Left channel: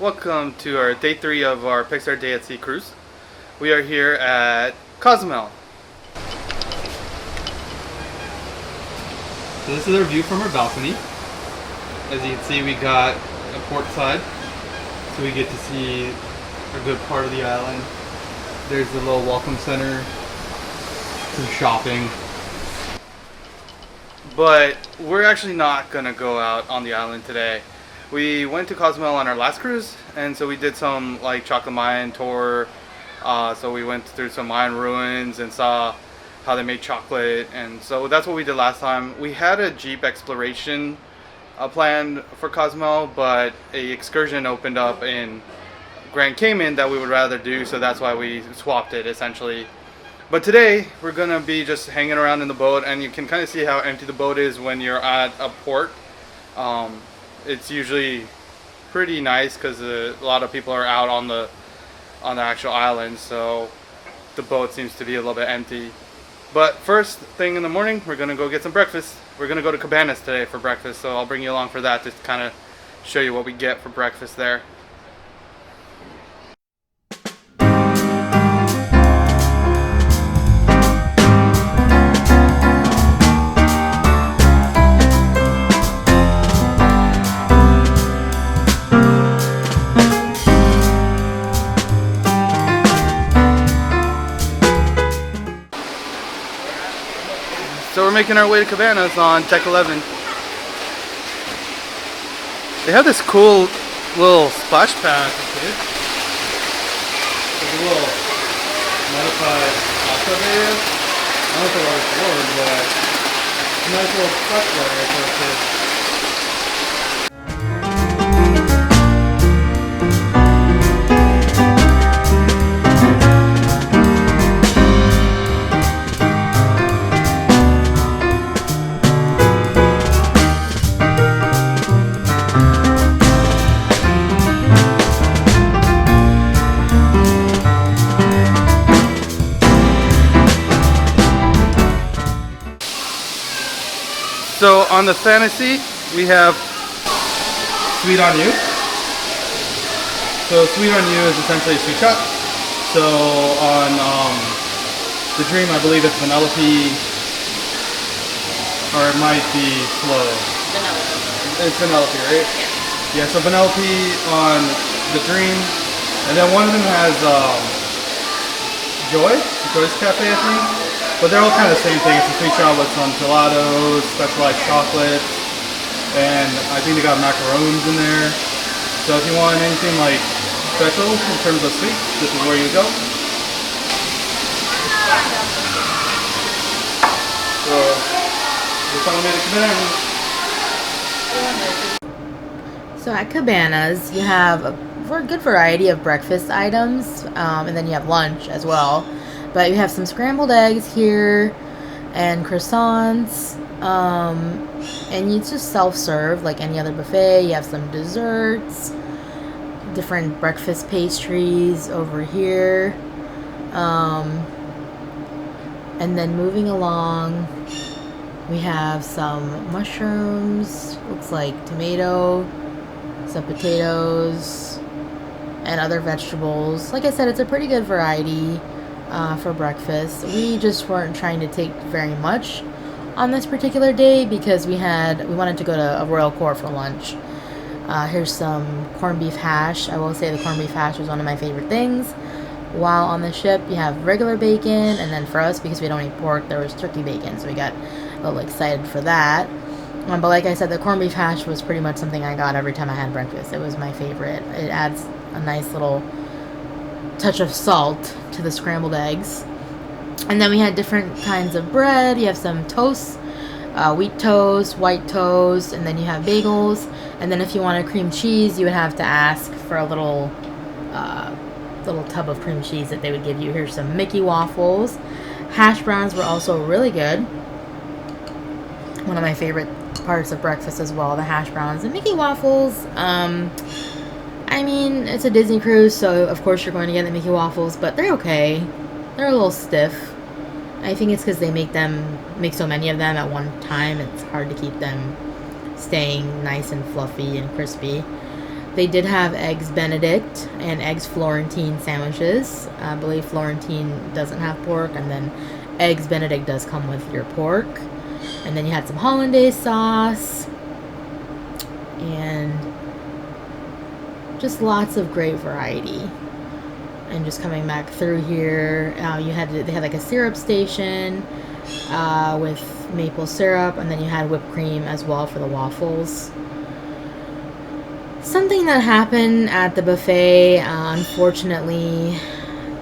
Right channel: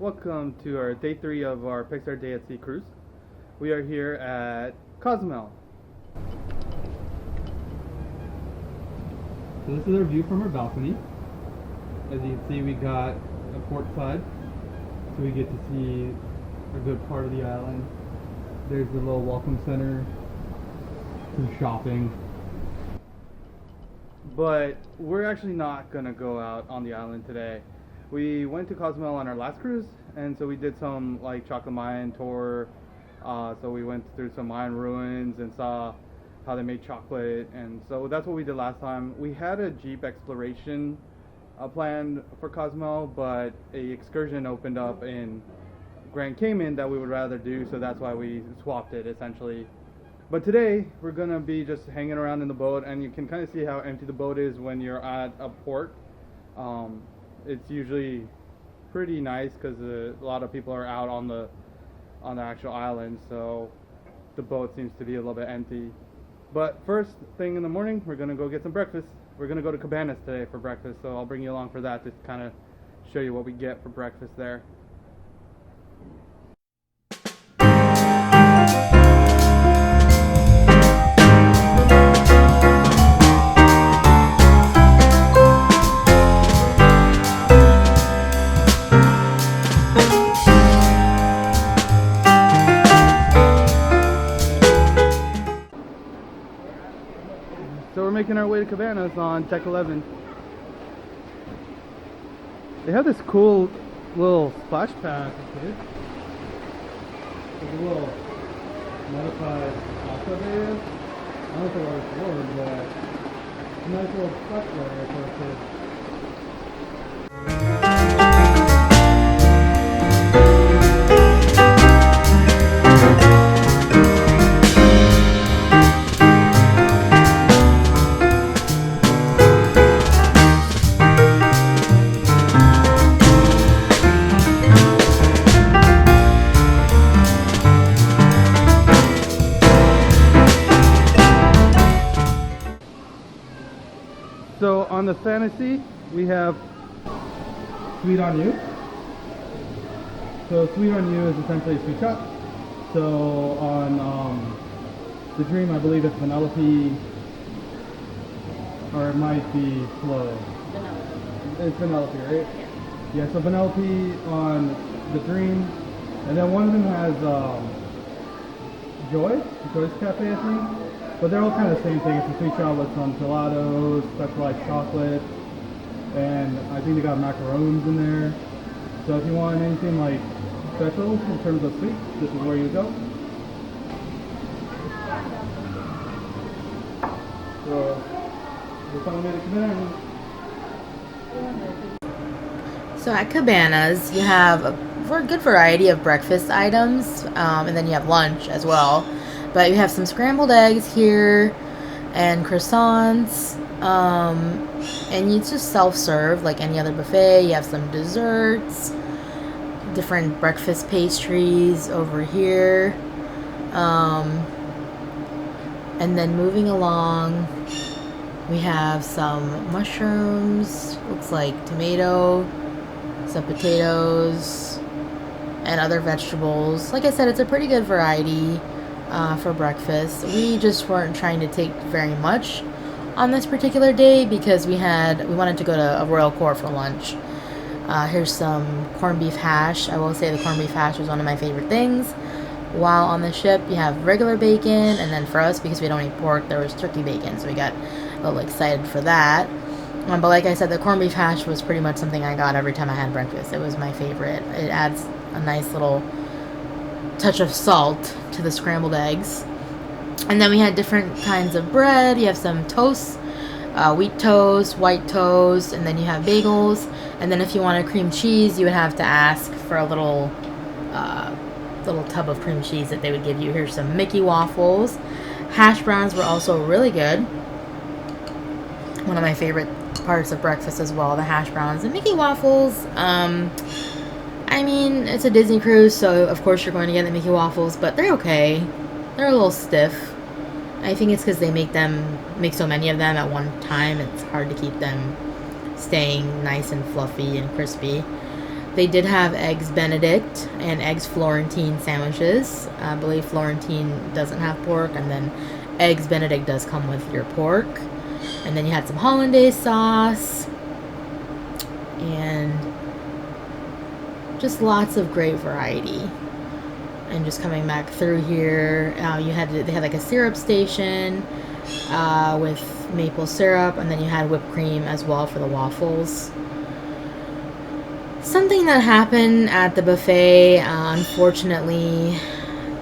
Welcome to our day 3 of our Pixar Day at Sea cruise. We are here at Cozumel. So this is our view from our balcony. As you can see, we got a port side, so we get to see a good part of the island. There's the little welcome center, some shopping. But we're actually not gonna go out on the island today. We went to Cozumel on our last cruise, and so we did some like chocolate Mayan tour. So we went through some Mayan ruins and saw how they made chocolate, and so that's what we did last time. We had a Jeep exploration planned for Cozumel, but a excursion opened up in Grand Cayman that we would rather do, so that's why we swapped it essentially. But today we're gonna be just hanging around in the boat, and you can kind of see how empty the boat is when you're at a port. It's usually pretty nice because a lot of people are out on the actual island, so the boat seems to be a little bit empty. But first thing in the morning, we're gonna go get some breakfast. We're gonna go to Cabanas today for breakfast, so I'll bring you along for that to kind of show you what we get for breakfast there. So we're making our way to Cabanas on Deck 11. They have this cool little splash pad. There's a little modified bathtub area. I don't know if they're always forward, but a nice little splash pad area for our kids. So on the Fantasy, we have Sweet on You. So Sweet on You is essentially a sweet shot. So on the Dream, I believe it's Vanellope, or it might be Slow. Vanellope. It's Vanellope, right? Yeah. Yeah, so Vanellope on the Dream, and then one of them has Joy's Cafe, I think. But they're all kind of the same thing. It's a sweet shot with some gelatos, specialized chocolates, and I think they got macaroons in there. So if you want anything like special in terms of sweet, this is where you go. So we're finally made it to Cabanas. So at Cabanas, you have a good variety of breakfast items, and then you have lunch as well. But you have some scrambled eggs here and croissants, and it's just self-serve like any other buffet. You have some desserts, different breakfast pastries over here, and then moving along, we have some mushrooms, looks like tomato, some potatoes, and other vegetables. Like I said, it's a pretty good variety for breakfast. We just weren't trying to take very much on this particular day because we wanted to go to a Royal Court for lunch. Here's some corned beef hash. I will say the corned beef hash was one of my favorite things. While on the ship, you have regular bacon, and then for us, because we don't eat pork, there was turkey bacon, so we got a little excited for that. But like I said, the corned beef hash was pretty much something I got every time I had breakfast. It was my favorite. It adds a nice little touch of salt to the scrambled eggs. And then we had different kinds of bread. You have some toast, wheat toast, white toast, and then you have bagels. And then if you wanted cream cheese, you would have to ask for a little tub of cream cheese that they would give you. Here's some Mickey waffles. Hash browns were also really good. One of my favorite parts of breakfast as well, the hash browns and Mickey waffles. I mean, it's a Disney cruise, so of course you're going to get the Mickey waffles, but they're okay. They're a little stiff. I think it's because they make so many of them at one time. It's hard to keep them staying nice and fluffy and crispy. They did have eggs Benedict and eggs Florentine sandwiches. I believe Florentine doesn't have pork, and then eggs Benedict does come with your pork. And then you had some hollandaise sauce and just lots of great variety. And just coming back through here, they had like a syrup station with maple syrup, and then you had whipped cream as well for the waffles. Something that happened at the buffet, unfortunately,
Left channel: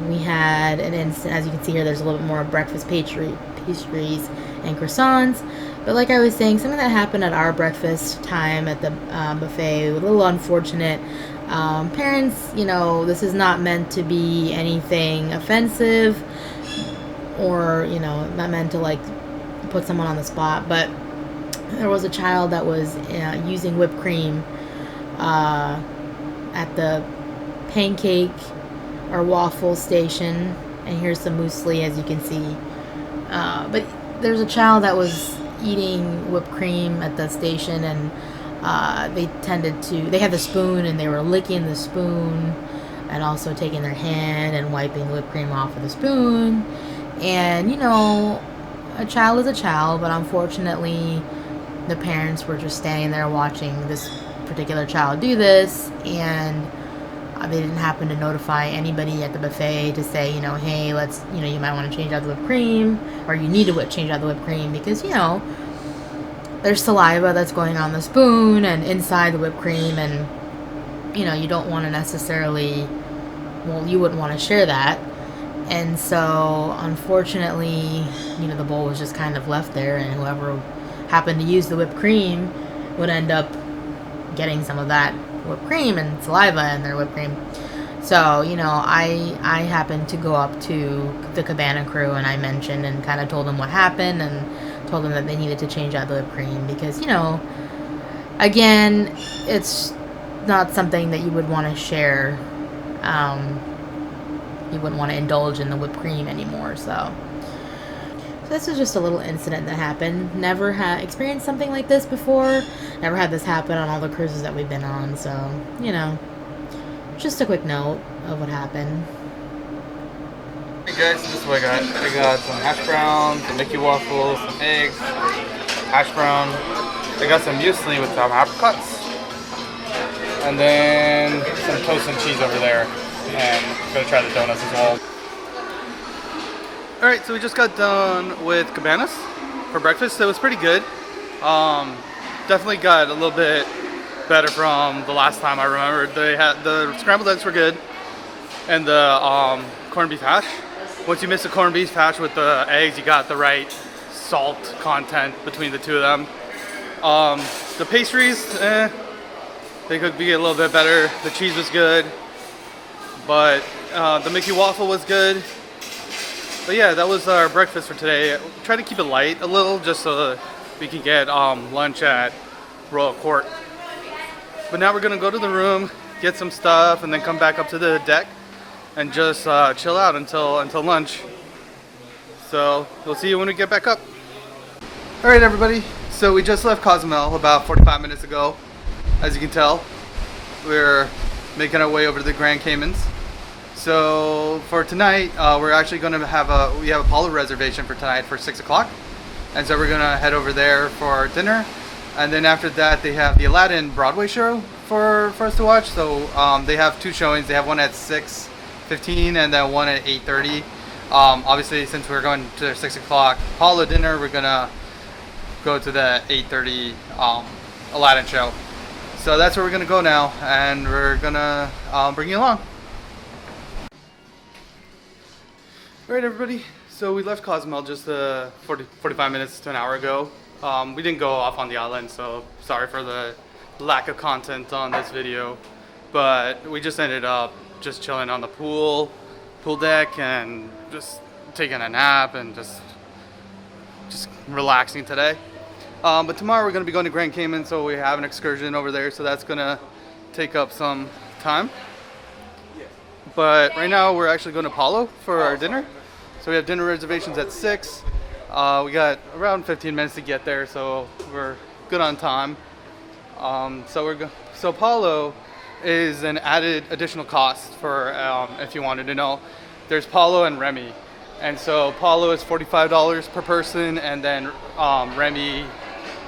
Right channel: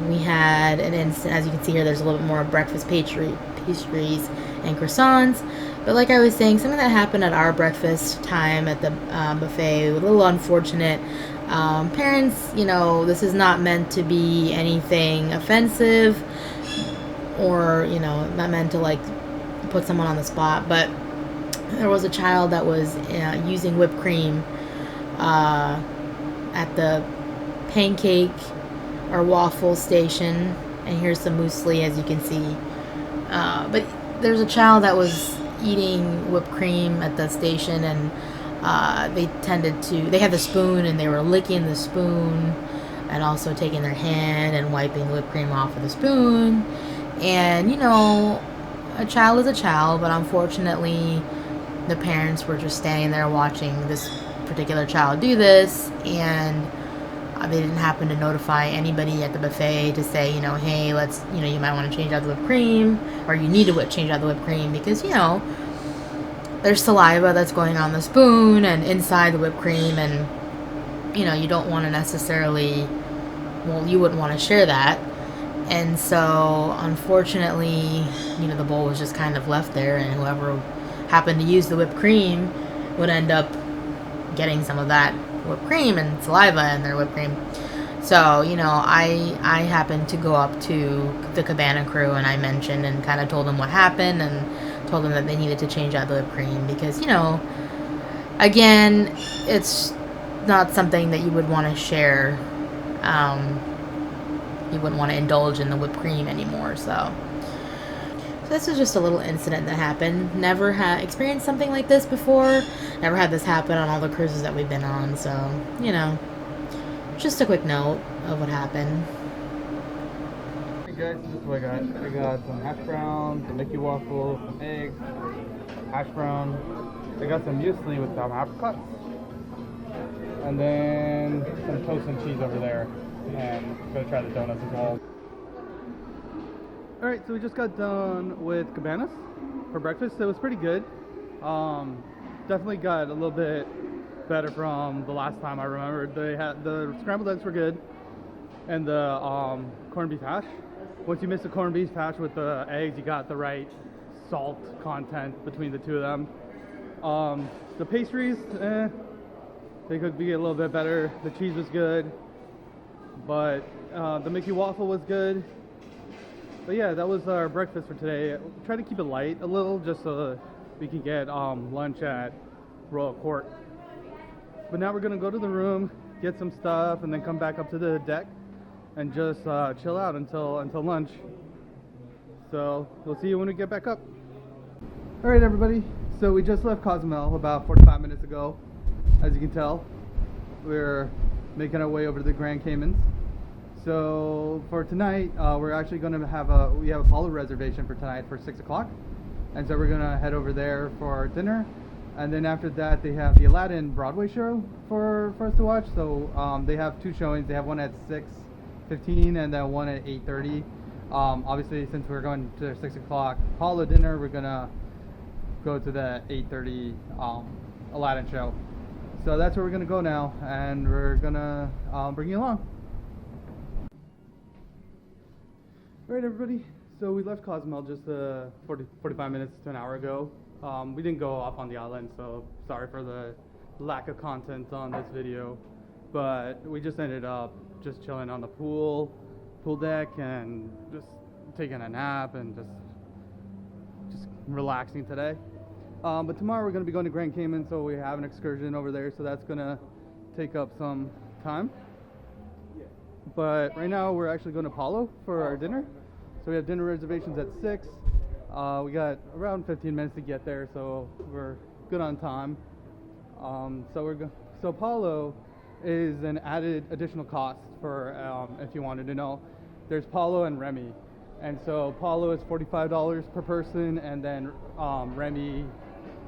we had an instant, as you can see here, there's a little bit more breakfast pastries and croissants. But like I was saying, something that happened at our breakfast time at the buffet, a little unfortunate. Parents, this is not meant to be anything offensive or, not meant to like put someone on the spot, but there was a child that was using whipped cream at the pancake or waffle station, and here's some muesli, as you can see. But there's a child that was eating whipped cream at the station, and they had the spoon, and they were licking the spoon and also taking their hand and wiping the whipped cream off of the spoon. And a child is a child, but unfortunately the parents were just standing there watching this particular child do this, and they didn't happen to notify anybody at the buffet to say, hey, let's, you might want to change out the whipped cream, or you need to change out the whipped cream, because, there's saliva that's going on the spoon and inside the whipped cream, and, you don't want to necessarily, you wouldn't want to share that. And so, unfortunately, the bowl was just kind of left there, and whoever happened to use the whipped cream would end up getting some of that whipped cream and saliva in their whipped cream. So, I happened to go up to the cabana crew, and I mentioned and kind of told them what happened, and told them that they needed to change out the whipped cream because, again, it's not something that you would want to share. You wouldn't want to indulge in the whipped cream anymore, so this is just a little incident that happened. Never had experienced something like this before. Never had this happen on all the cruises that we've been on. So, just a quick note of what happened. Hey guys, this is what I got. I got some hash browns, some Mickey waffles, some eggs, hash brown. I got some muesli with some apricots. And then some toast and cheese over there. And I'm going to try the donuts as well. Alright, so we just got done with Cabanas for breakfast. It was pretty good. Definitely got a little bit better from the last time I remembered. They had the scrambled eggs were good, and the corned beef hash. Once you mix the corned beef hash with the eggs, you got the right salt content between the two of them. The pastries, they could be a little bit better. The cheese was good, but the Mickey waffle was good. But yeah, that was our breakfast for today. Try to keep it light a little, just so that we can get lunch at Royal Court. But now we're gonna go to the room, get some stuff, and then come back up to the deck and just chill out until lunch. So we'll see you when we get back up. All right, everybody. So we just left Cozumel about 45 minutes ago. As you can tell, we're making our way over to the Grand Caymans. So for tonight, we're actually going to we have a Apollo reservation for tonight for 6 o'clock. And so we're going to head over there for dinner. And then after that, they have the Aladdin Broadway show for us to watch. So they have two showings. They have one at 6:15 and then one at 8:30. Obviously, since we're going to 6 o'clock Apollo dinner, we're going to go to the 8:30 Aladdin show. So that's where we're going to go now. And we're going to bring you along. Alright, everybody, so we left Cozumel just 45 minutes to an hour ago. We didn't go off on the island, so sorry for the lack of content on this video. But we just ended up just chilling on the pool deck and just taking a nap and just relaxing today. But tomorrow we're going to be going to Grand Cayman, so we have an excursion over there, so that's going to take up some time. But right now we're actually going to Apollo for our dinner. So we have dinner reservations at 6. We got around 15 minutes to get there, so we're good on time. So Apollo is an added additional cost for if you wanted to know. There's Paulo and Remy. And so Paulo is $45 per person, and then Remy,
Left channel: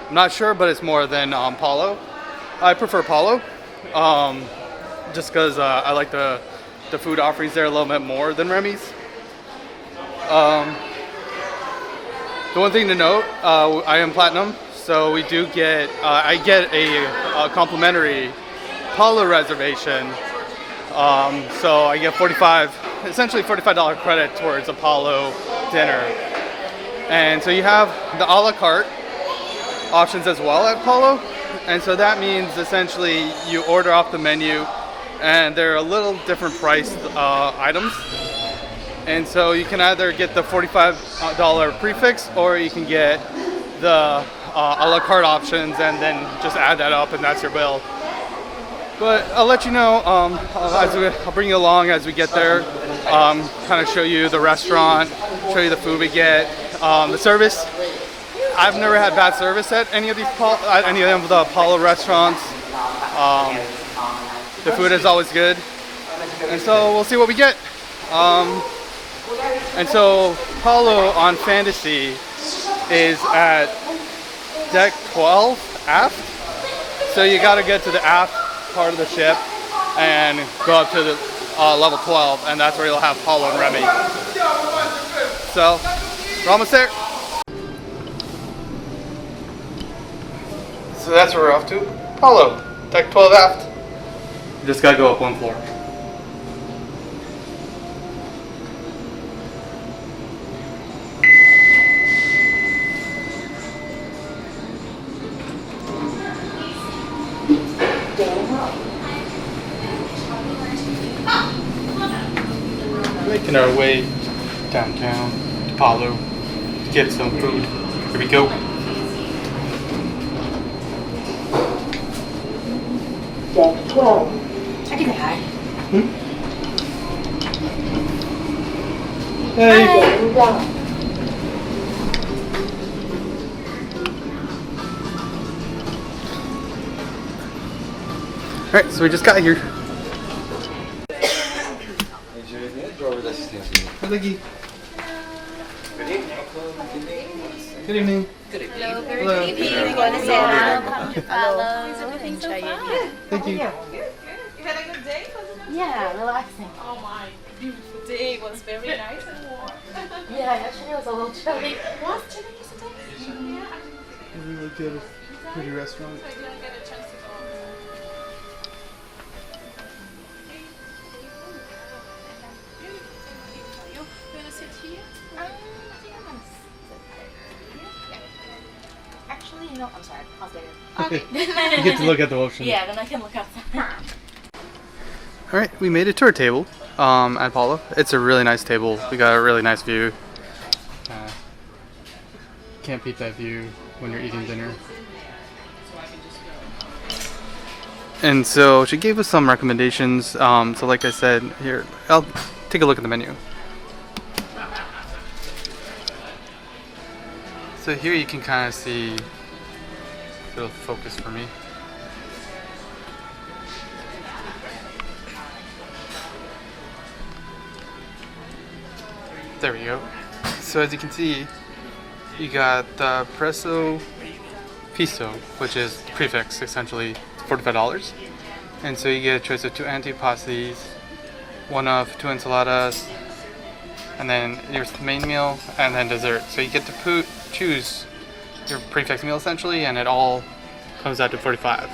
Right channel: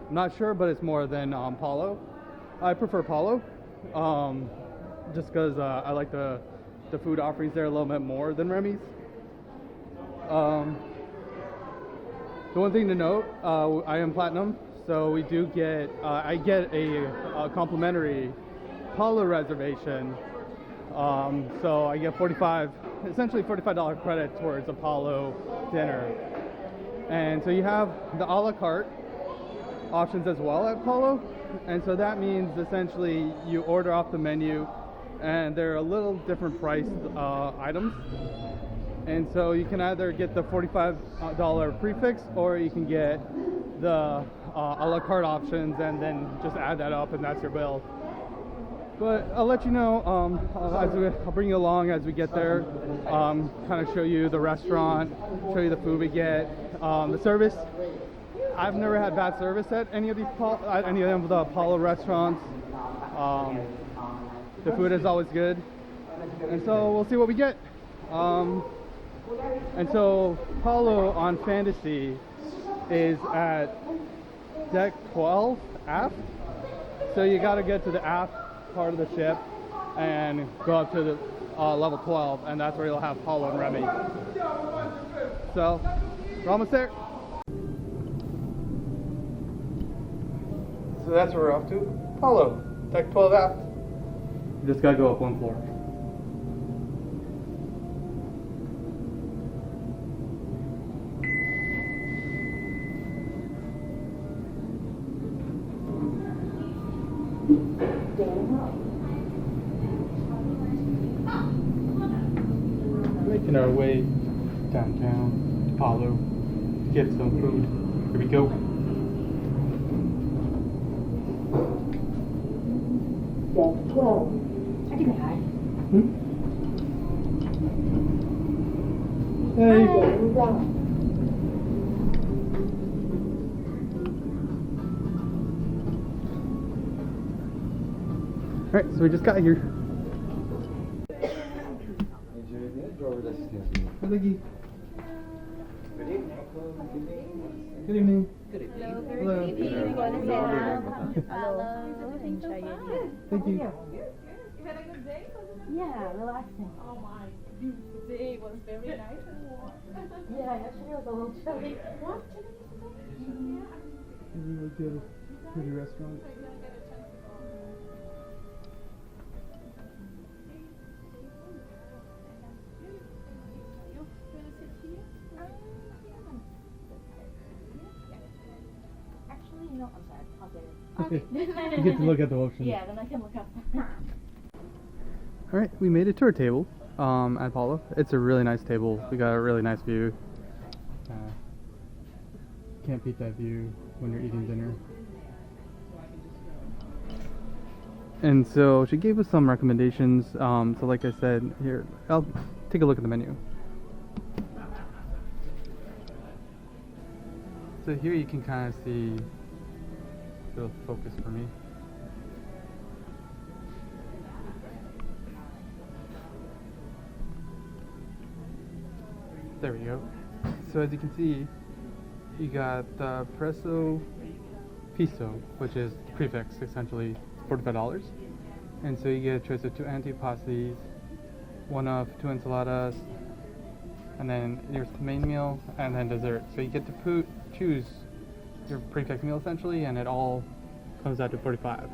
I'm not sure, but it's more than Paulo. I prefer Paulo, just because I like the food offerings there a little bit more than Remy's. The one thing to note, I am platinum, so we do get, I get a complimentary Paulo reservation. So I get essentially $45 credit towards Apollo dinner. And so you have the a la carte options as well at Apollo. And so that means essentially you order off the menu, and they're a little different priced items. And so you can either get the $45 prefix, or you can get the a la carte options and then just add that up, and that's your bill. But I'll let you know, I'll bring you along as we get there, kind of show you the restaurant, show you the food we get, the service. I've never had bad service at any of the Apollo restaurants. The food is always good, and so we'll see what we get. And so Apollo on Fantasy is at deck 12 aft, so you got to get to the aft part of the ship and go up to the level 12, and that's where you'll have Paulo and Remy. So we're almost there. So that's where we're off to. Paulo, deck 12 aft. You just gotta go up one floor. Making our way downtown to Paulo to get some food. Here we go. Deck 12. I can hi. Hey. Getting down. Alright, so we just got here. Thank you. Good evening. Hello, very Hello. good evening. Hello. Is everything so fun? Thank you. You had a good day? Yeah, relaxing. Oh my, beautiful day. It was very nice and warm. Yeah, yesterday was a little chilly. Was chilly yesterday? Yeah. We looked at a pretty restaurant. I didn't get a chance to go. You gonna sit here? I think I'm gonna sit Actually, you know, I'm sorry. I'll stay here. You get to look at the ocean. Yeah, then I can look outside. Alright, we made it to our table at Paulo. It's a really nice table. We got a really nice view. Can't beat that view when you're eating dinner. And so she gave us some recommendations. So like I said, here, I'll take a look at the menu. So here you can kind of see, it'll focus for me. There we go. So as you can see, you got the presso piso, which is prefix, essentially $45. And so you get a choice of 2 antipastis, 1 of 2 enchiladas, and then your main meal, and then dessert. So you get to choose your prefix meal essentially, and it all comes out to $45.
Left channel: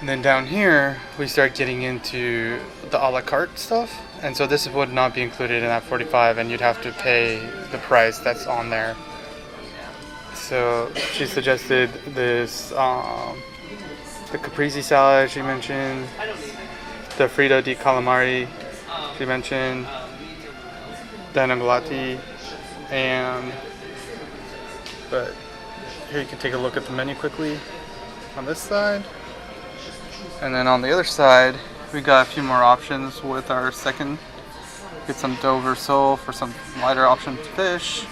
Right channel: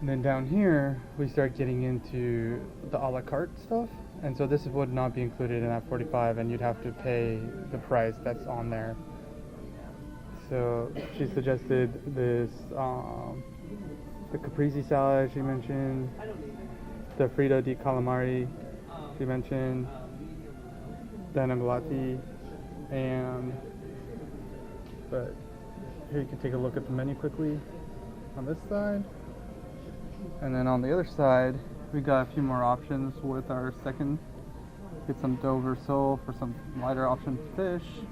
And then down here, we start getting into the a la carte stuff. And so this would not be included in that $45, and you'd have to pay the price that's on there. So she suggested this, the caprese salad she mentioned, the Frito di calamari she mentioned, the anagolati, but here you can take a look at the menu quickly on this side. And then on the other side, we got a few more options with our second. Get some Dover sole for some lighter option fish.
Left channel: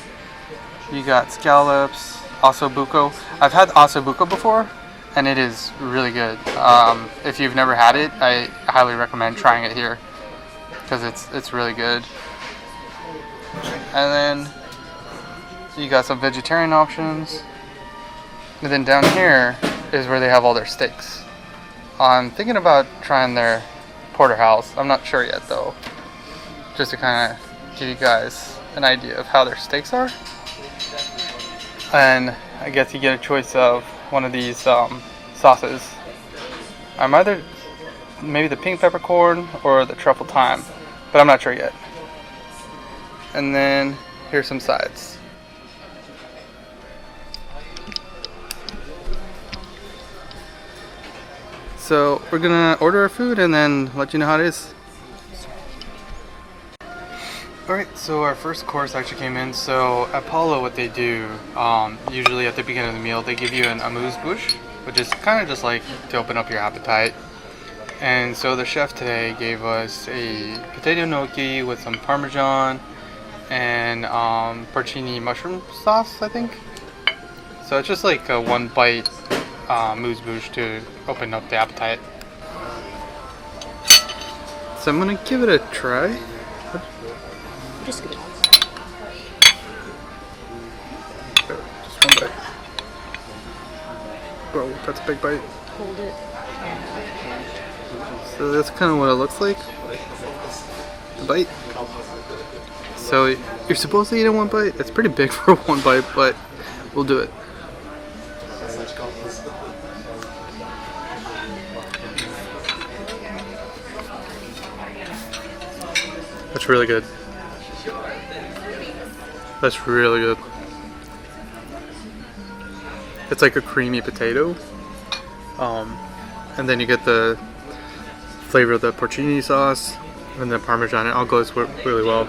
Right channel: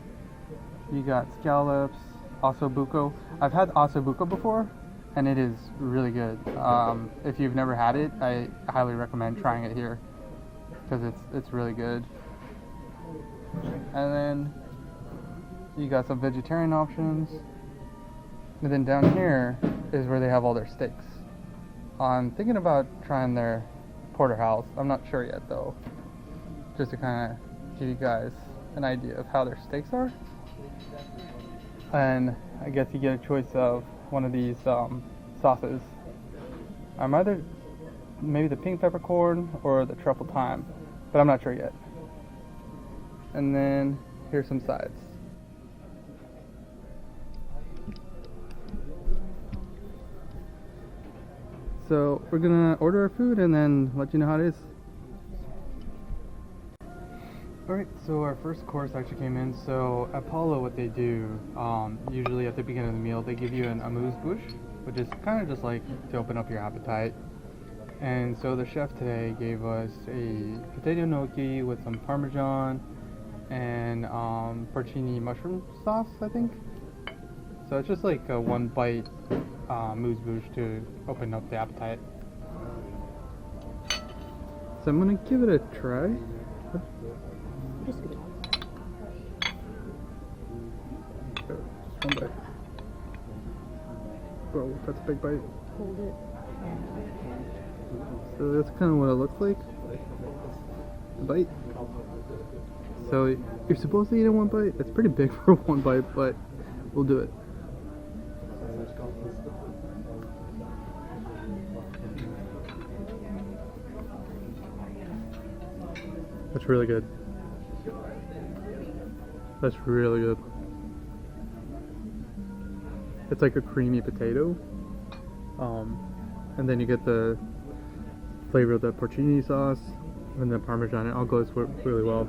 You got scallops, ossobuco. I've had ossobuco before, and it is really good. If you've never had it, I highly recommend trying it here because it's really good. And then you got some vegetarian options. And then down here is where they have all their steaks. I'm thinking about trying their porterhouse. I'm not sure yet though. Just to kind of give you guys an idea of how their steaks are. And I guess you get a choice of one of these sauces. I'm either maybe the pink peppercorn or the truffle thyme, but I'm not sure yet. And then here's some sides. So we're gonna order our food and then let you know how it is. Alright, so our first course actually came in. So at Apollo, what they do, usually at the beginning of the meal, they give you an amuse-bouche, which is kind of just like to open up your appetite. And so the chef today gave us a potato gnocchi with some parmesan and porcini mushroom sauce, I think. So it's just like a one bite amuse-bouche to open up the appetite. So I'm gonna give it a try. Just give it. Just one bite. Bro, that's a big bite. Hold it. So that's kind of what it looks like. The bite. So you're supposed to eat in one bite. It's pretty big for one bite, but we'll do it. That's really good. That's really good. It's like a creamy potato. And then you get the flavor of the porcini sauce and the parmesan. It all goes really well.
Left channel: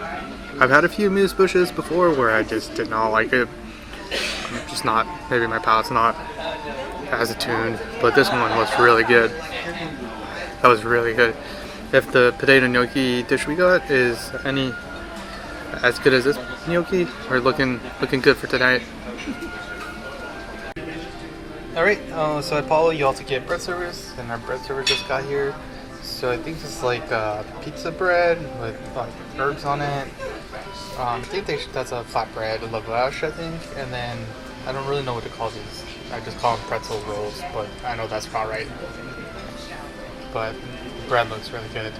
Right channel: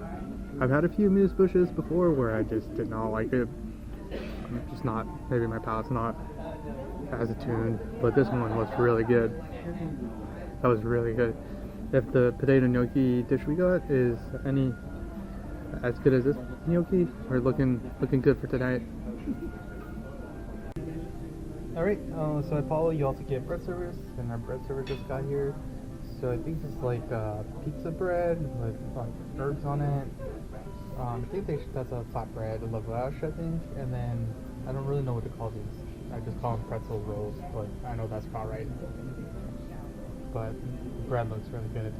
I've had a few amuse-bouches before where I just did not like it. I'm just not, maybe my palate's not as attuned, but this one was really good. That was really good. If the potato gnocchi dish we got is any as good as this gnocchi, we're looking good for tonight. Alright, so at Apollo you also get bread servers, and our bread server just got here. So I think it's like pizza bread with herbs on it. I think that's a flatbread, a lavash, I think. And then I don't really know what to call these. I just call them pretzel rolls, but I know that's not right. But the bread looks really good.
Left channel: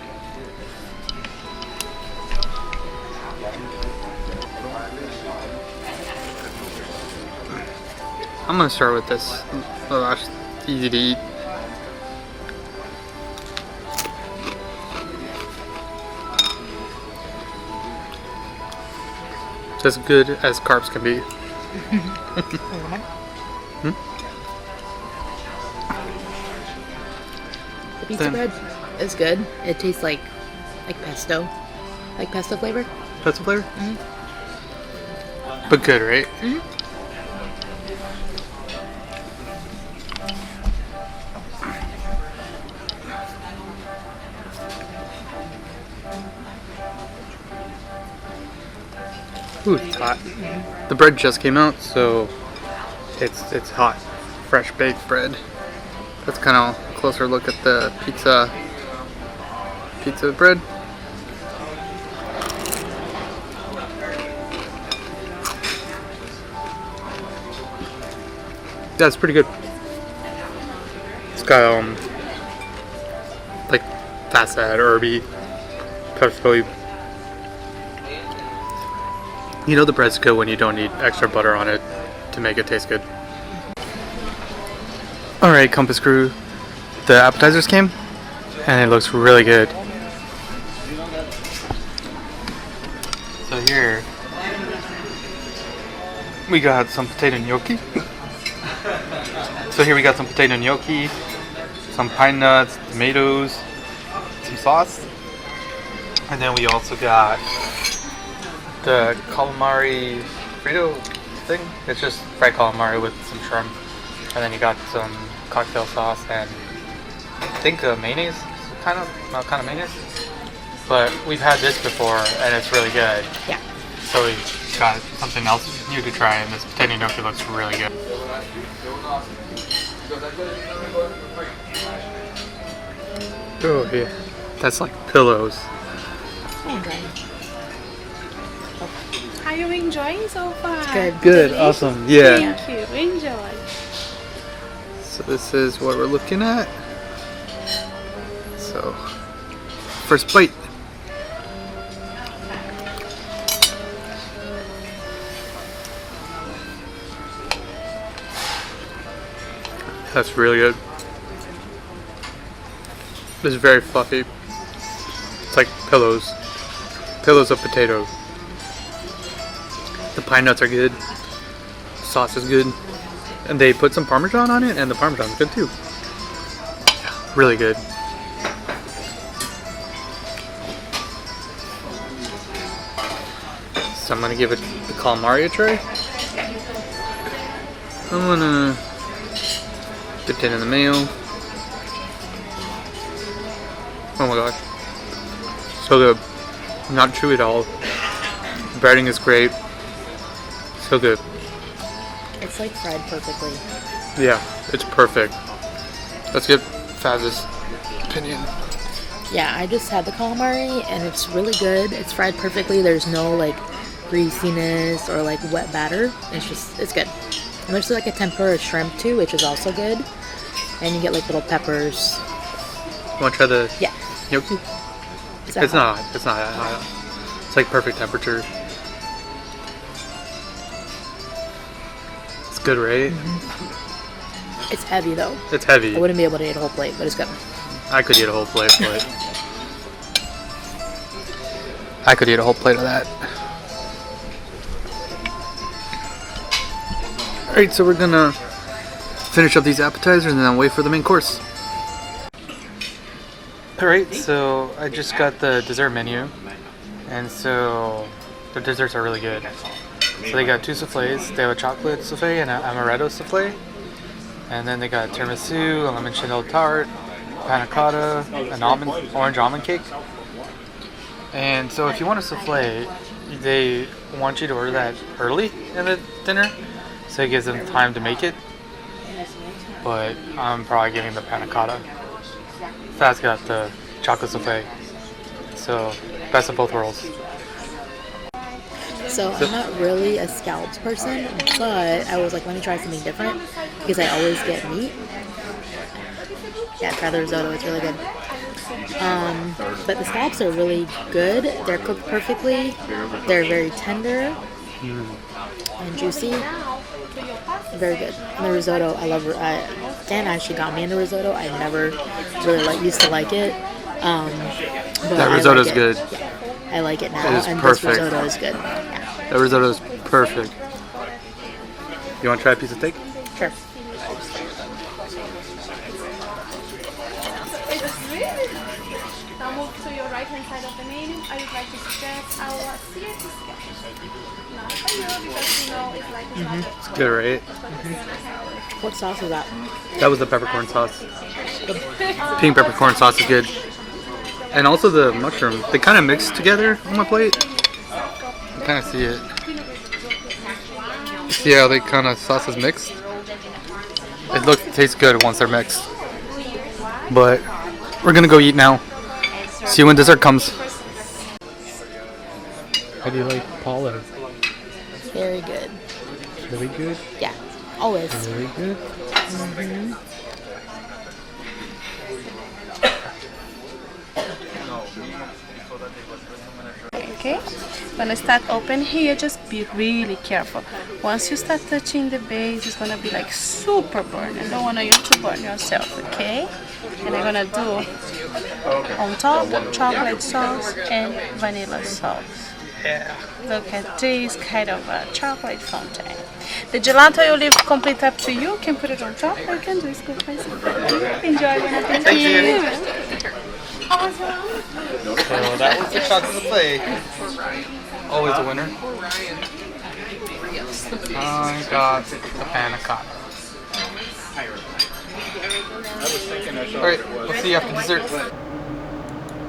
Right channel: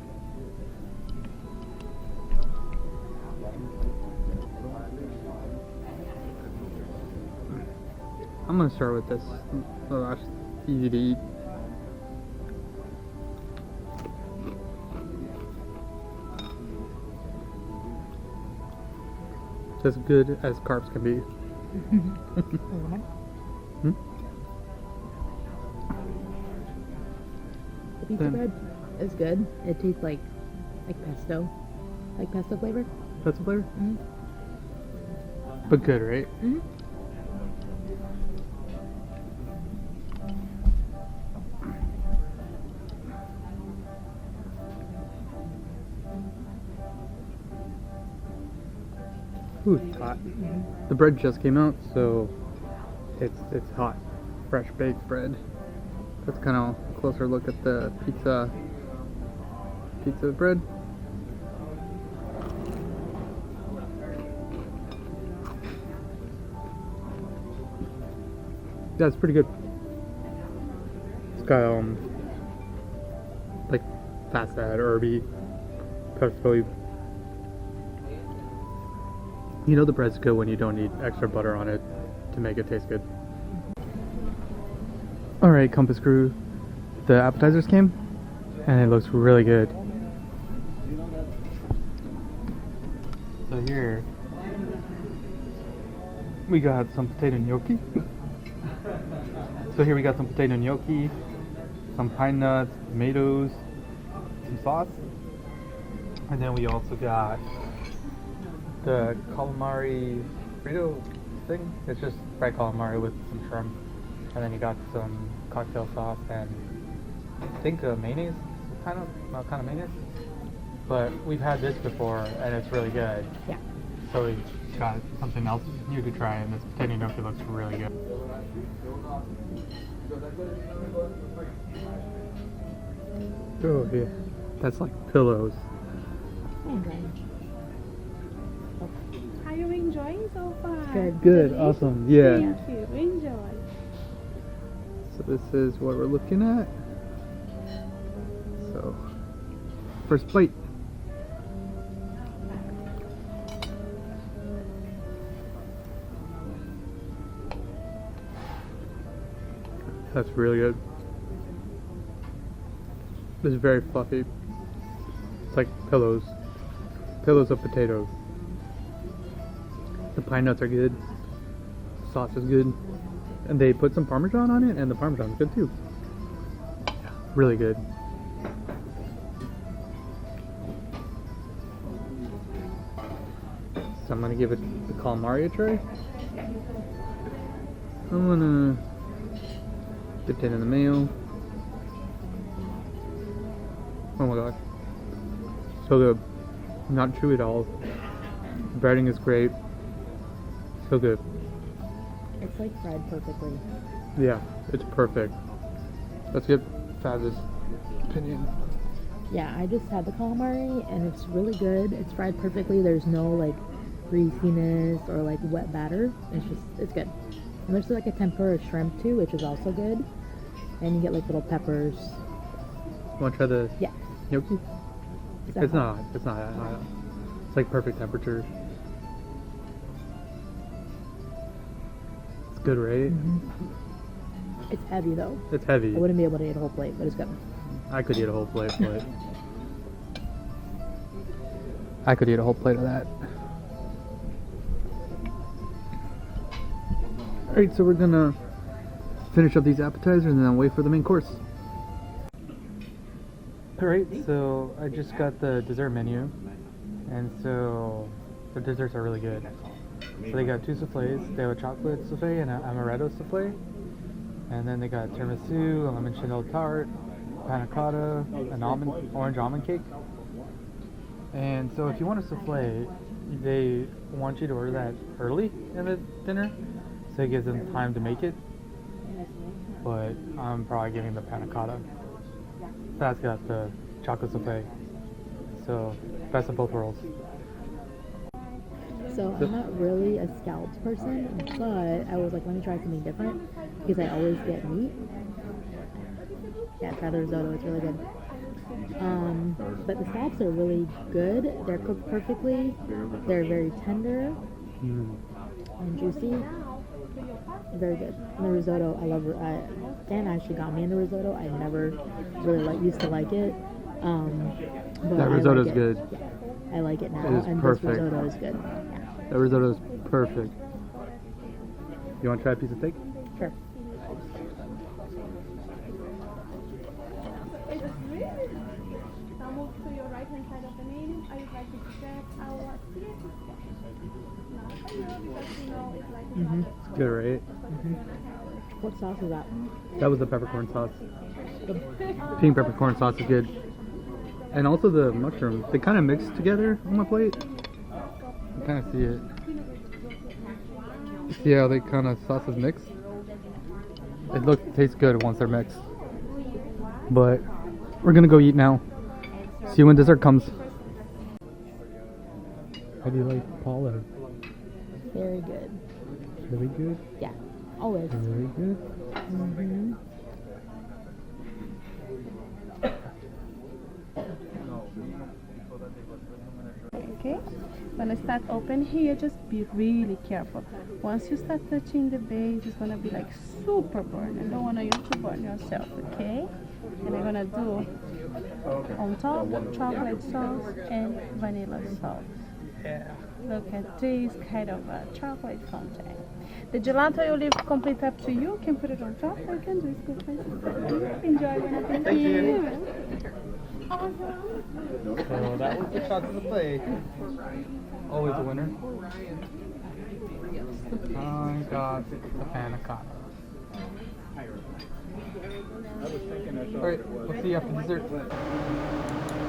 I'm gonna start with this lavash. It's easy to eat. As good as carbs can be. The pizza bread is good. It tastes like pesto. Like pesto flavor. Pesto flavor? Mm-hmm. But good, right? Mm-hmm. Ooh, it's hot. The bread just came out, so it's hot, fresh baked bread. That's kind of a closer look at the pizza bread. Yeah, it's pretty good. It's got like fast add herby, pesto. You know the bread's good when you don't need extra butter on it to make it taste good. Alright, Compass Crew. The appetizers came, and it looks really good. So here, we got some potato gnocchi. So here we got some potato gnocchi, some pine nuts, tomatoes, some sauce. And then we also got the calamari Frito thing. It's just fried calamari with some shrimp. And then you got some cocktail sauce and I think mayonnaise, kind of mayonnaise. But we've had this before and it's really good. Yeah. So we got something else new to try, and this potato gnocchi looks really good. Oh yeah, that's like pillows. Okay. Are you enjoying so far? Good. Good, awesome, yeah. Thank you. Enjoy. So this is what we're looking at. So, first bite. That's really good. It's very fluffy. It's like pillows. Pillows of potato. The pine nuts are good. Sauce is good. And they put some Parmesan on it, and the Parmesan's good too. Yeah, really good. So I'm gonna give it the calamari a try. I'm gonna dip it in the mayo. Oh my gosh. So good. Not chewy at all. Breading is great. So good. It's like fried perfectly. Yeah, it's perfect. Let's get Faz's opinion. Yeah, I just had the calamari and it's really good. It's fried perfectly. There's no like greasiness or like wet batter. It's good. And there's like a tempura shrimp too, which is also good. And you get like little peppers. You want to try the Yeah. gnocchi? Is that It's hot? not. It's not that hot. It's like perfect temperature. It's good, right? It's heavy though. It's I heavy. wouldn't be able to eat a whole plate, but it's good. I could eat a whole plate, but I could eat a whole plate of that. Alright, so we're gonna finish up these appetizers and then wait for the main course. Alright, so I just got the dessert menu, and so the desserts are really good. So they got two souffles. They have a chocolate souffle and an amaretto souffle. And then they got tiramisu, a lemon chandelle tart, panna cotta, an orange almond cake. And so if you want a souffle, they want you to order that early in the dinner, so it gives them time to make it. But I'm probably getting the panna cotta. Faz got the chocolate souffle. So best of both worlds. So I'm not really a scallops person, but I was like, let me try something different because I always get meat. Yeah, try the risotto. It's really good. But the scallops are really good. They're cooked perfectly. They're very tender and juicy. Very good. And the risotto, I love. Dan actually got me into risotto. I never really used to like it. But That I risotto's like it. good. Yeah, I like it now, It is and perfect. this risotto is good. Yeah, That risotto is perfect. You want to try a piece of steak? sure. Now move to your right hand side of the menu. I would like to suggest our Caesar sketch. Not for you because you know it's like it's not It's good, right? What sauce is that? That was the peppercorn sauce. Pink peppercorn sauce is good. And also the mushroom. They kind of mix together on my plate. You kind of see it. See how they kind of sauces mixed? It tastes good once they're mixed. But we're gonna go eat now. See you when dessert comes. How do you like Paula? Very good. Really good? Yeah, always. Really good? Okay, gonna start open here, just be really careful. Once you start touching the base, it's gonna be like super burn. I don't want you to burn yourself, okay? And I'm gonna do on top chocolate sauce and vanilla sauce. Yeah. Look at this kind of chocolate fountain. The gelato I will leave complete up to you. You can put it on top or you can do it scoop by scoop. Enjoy when Thank you. So that was the chocolate souffle. Always a winner. I got the panna cotta. Alright, we'll see you after dessert.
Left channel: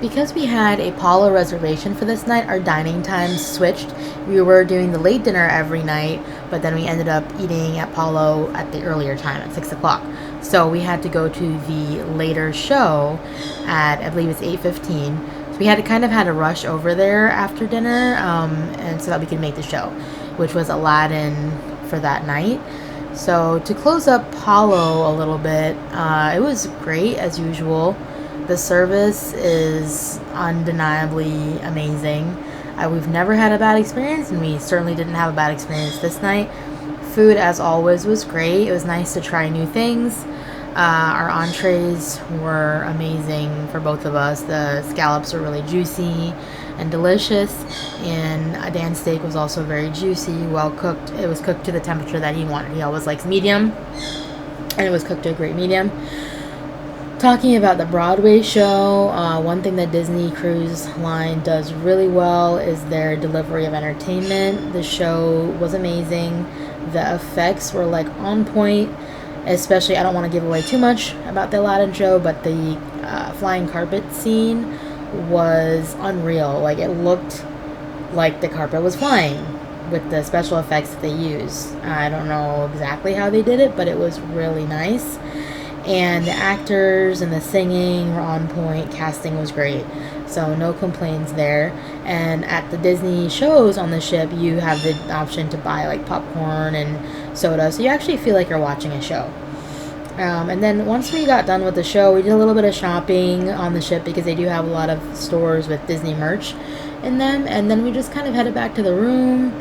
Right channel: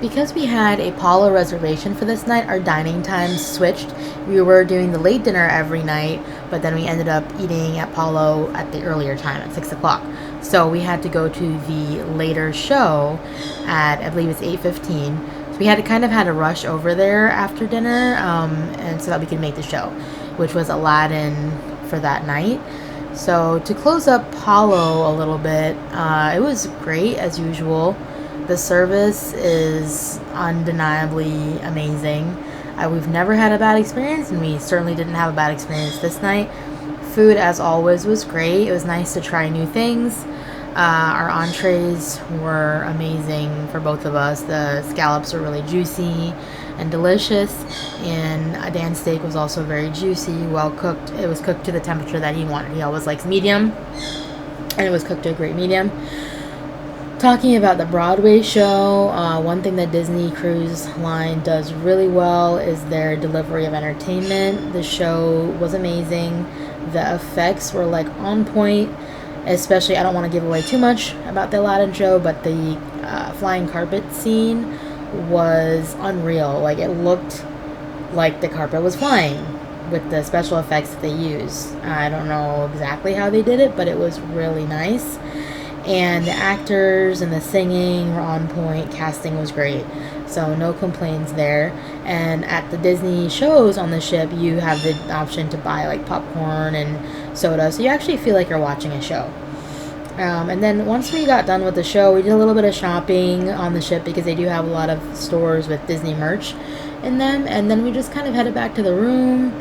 Because we had a Paula reservation for this night, our dining times switched. We were doing the late dinner every night, but then we ended up eating at Paulo at the earlier time at 6 o'clock. So we had to go to the later show at, I believe it's 8:15. So we had to rush over there after dinner, and so that we could make the show, which was Aladdin for that night. So to close up Palo a little bit, it was great as usual. The service is undeniably amazing. We've never had a bad experience, and we certainly didn't have a bad experience this night. Food, as always, was great. It was nice to try new things. Our entrees were amazing for both of us. The scallops were really juicy and delicious, and Dan's steak was also very juicy, well cooked. It was cooked to the temperature that he wanted. He always likes medium, and it was cooked to a great medium. Talking about the Broadway show, one thing that Disney Cruise Line does really well is their delivery of entertainment. The show was amazing. The effects were like on point. Especially, I don't want to give away too much about the Aladdin show, but the flying carpet scene was unreal. Like, it looked like the carpet was flying with the special effects that they used. I don't know exactly how they did it, but it was really nice. And the actors and the singing were on point. Casting was great. So no complaints there. And at the Disney shows on the ship, you have the option to buy like popcorn and soda. So you actually feel like you're watching a show. And then once we got done with the show, we did a little bit of shopping on the ship because they do have a lot of stores with Disney merch in them. And then we just kind of headed back to the room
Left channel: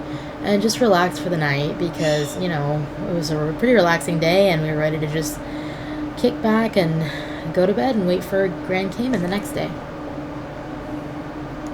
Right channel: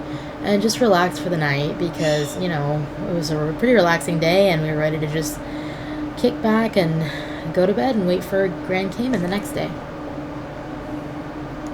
and just relaxed for the night because, you know, it was a pretty relaxing day and we were ready to just kick back and go to bed and wait for Grand Cayman the next day.